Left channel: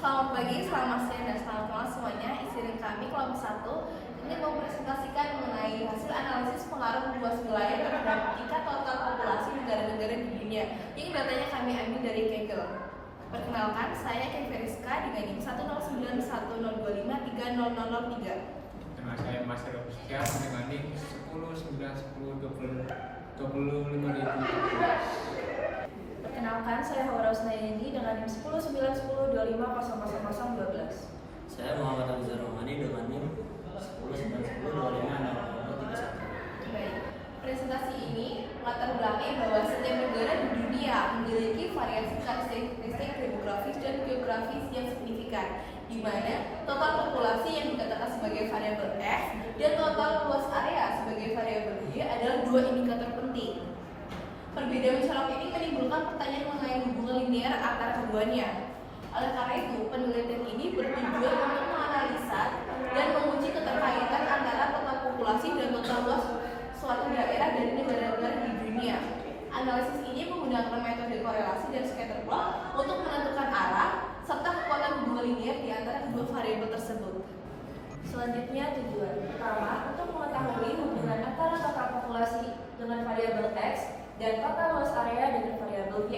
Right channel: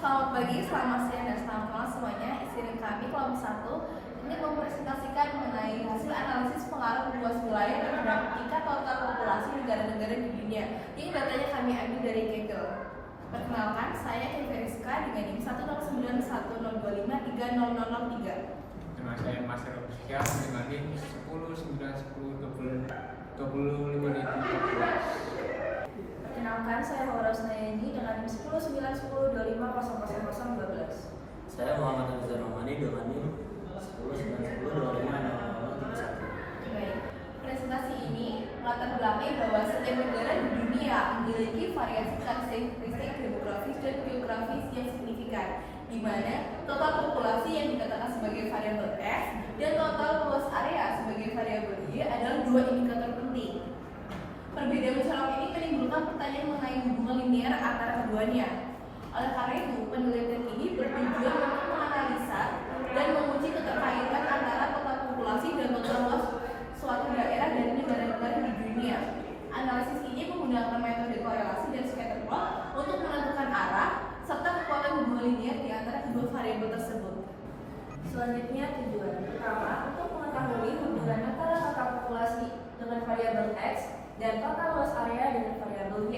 Selamat pagi, selamat siang, dan selamat malam semuanya. Isi kami kelompok 1 ingin mempresentasikan mengenai hasil analisis pengaruh luas wilayah terhadap tingkat total populasi negara-negara di dunia yang datanya kami ambil dari Kaggle. Perkenalkan, saya Kevin Rizka dengan NIM 10910253003. Dengan saya Mas Heru Sekian dengan NIM 10910202514. Perkenalkan, saya Muhammad Rosnayani dengan NIM 10910250012. Saya Muhammad Rizal Romani dengan NIM 10910250031. Baik, presentasi ini melatar belakangi bahwa setiap negara di dunia memiliki variasi karakteristik demografis dan geografis yang signifikan, di mana total populasi yang dikatakan sebagai variabel X dan total luas area sebagai variabel Y adalah dua indikator penting. Perbedaan mencolok ini menimbulkan pertanyaan mengenai hubungan linear antara keduanya. Oleh karena itu, penelitian ini bertujuan untuk menganalisa dan menguji keterkaitan antara total populasi dan total luas suatu daerah dari negara-negara di dunia. Analisis ini menggunakan metode korelasi dan scatter plot untuk menentukan arah serta kekuatan hubungan linear di antara kedua variabel tersebut. Selanjutnya tujuan pertama untuk mengetahui hubungan antara total populasi dengan variabel X dan total luas area dengan variabel Y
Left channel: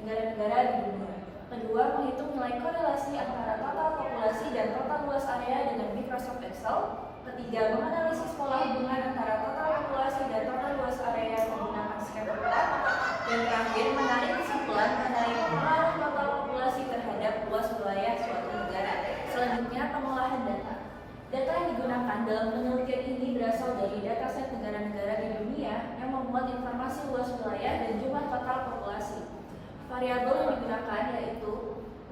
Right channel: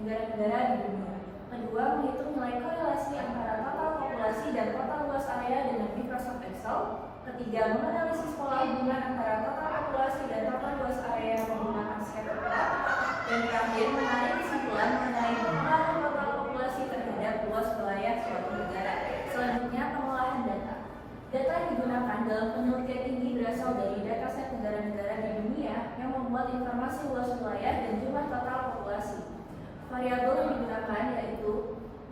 negara-negara di dunia. Kedua, menghitung nilai korelasi antara total populasi dan total luas area dengan Microsoft Excel. Ketiga, menganalisis pola hubungan antara total populasi dan total luas area menggunakan scatter plot. Dan terakhir, menarik kesimpulan mengenai pengaruh total populasi terhadap luas wilayah suatu negara. Selanjutnya, pengolahan data. Data yang digunakan dalam penelitian ini berasal dari dataset negara-negara di dunia yang memuat informasi luas wilayah dan jumlah total populasi. Variabel yang digunakan yaitu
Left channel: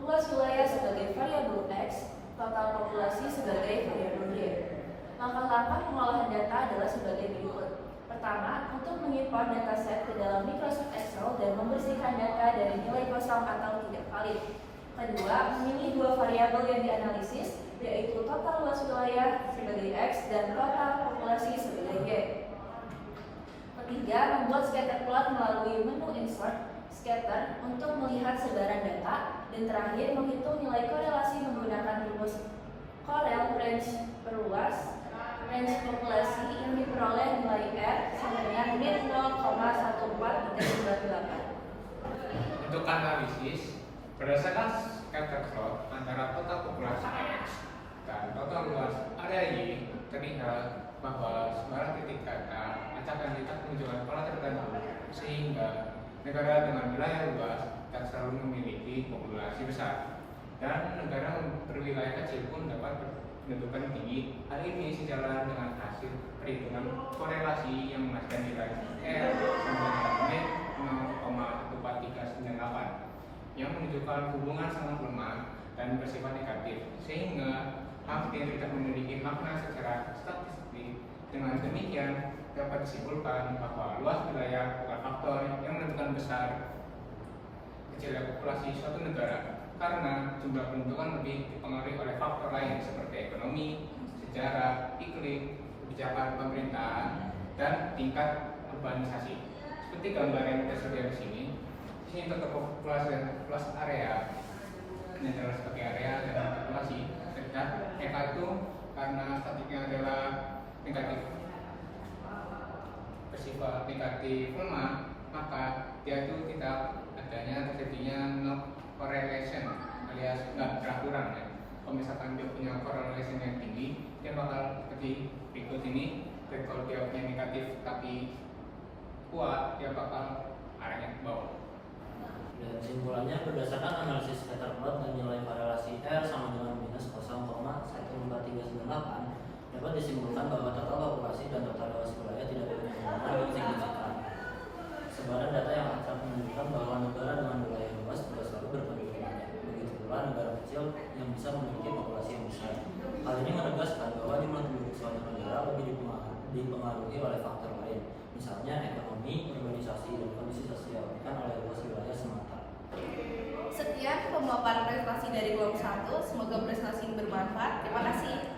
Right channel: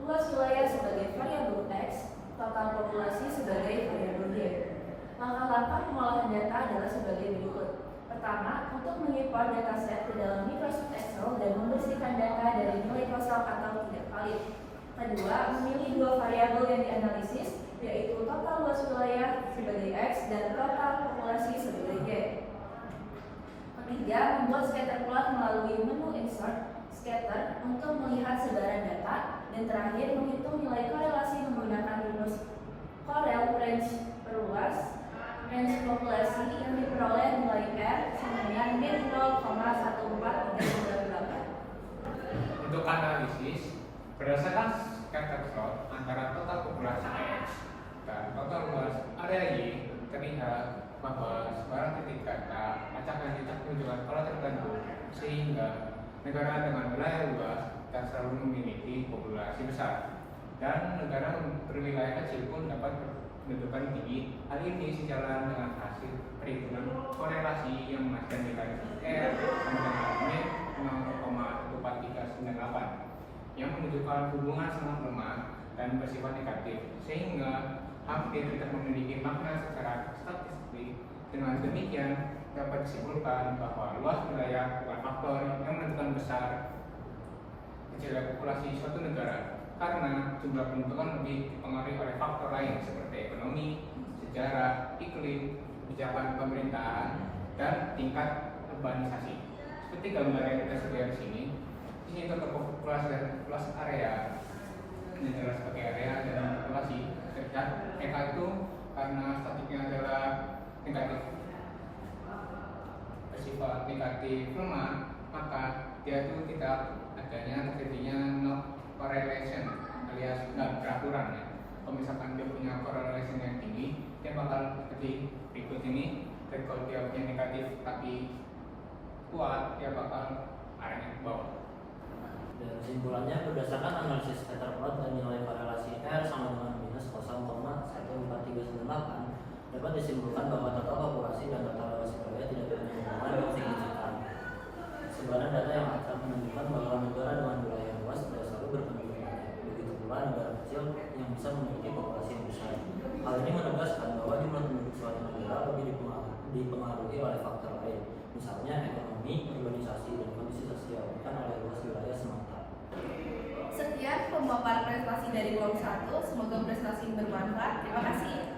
luas wilayah sebagai variabel X, total populasi sebagai variabel Y. Langkah-langkah pengolahan data adalah sebagai berikut. Pertama, untuk mengimport dataset ke dalam Microsoft Excel dan membersihkan data dari nilai kosong atau tidak valid. Kedua, memilih dua variabel yang dianalisis, yaitu total luas wilayah sebagai X dan total populasi sebagai Y. Ketiga, membuat scatter plot melalui menu Insert Scatter untuk melihat sebaran data. Dan terakhir, menghitung nilai korelasi menggunakan rumus Corel range perluas range populasi yang diperoleh nilai R sama dengan min 0,14398. Untuk analisis, berdasarkan scatter plot antara total populasi X dan total luas area Y, terlihat bahwa sebarang titik data acak yang tidak menunjukkan pola tertentu, sehingga negara dengan wilayah luas tak selalu memiliki populasi besar, dan negara berwilayah kecil pun dapat menentukan tinggi. Hal ini sejalan dengan hasil perhitungan korelasi yang menghasilkan nilai R sama dengan min 0,14398 yang menunjukkan hubungan sangat lemah dan bersifat negatif, sehingga hampir tidak memiliki makna secara statistik. Dengan demikian, dapat disimpulkan bahwa luas wilayah bukan faktor yang menentukan besar kecilnya populasi suatu negara, karena jumlah penduduk lebih dipengaruhi oleh faktor lain seperti ekonomi, sejarah, iklim, kebijakan pemerintahan, dan tingkat urbanisasi. Seperti gambar yang tersedia di sini total populasi dan luas area ini adalah sebagai area dan populasi. Terlihat angka itu karena statiknya adalah negatif, bersifat negatif lemah, maka dia itu tidak adanya terjadinya no correlation alias nggak beraturan ya. Kalau misalkan dia punya correlation yang tinggi, dia bakal seperti berikut ini. Dan kalau dia punya negatif tapi kuat, dia bakal arahnya ke bawah. Dan kesimpulannya, berdasarkan analisis scatter plot dan nilai korelasi R sama dengan minus 0,14398, dapat disimpulkan bahwa total populasi dan total luas wilayah tidak punya hubungan yang signifikan. Sebaran data yang acak menunjukkan bahwa negara dengan wilayah luas tidak selalu berpenduduk banyak. Begitu pula negara kecil yang bisa memiliki populasi yang besar. Hal ini menegaskan bahwa jumlah penduduk suatu negara lebih dipengaruhi oleh faktor lain, misalnya ekonomi, urbanisasi, dan kondisi sosial, bukan oleh luas wilayah semata. Sekian pemaparan presentasi dari kelompok 1. Semoga presentasi ini bermanfaat. Terima kasih.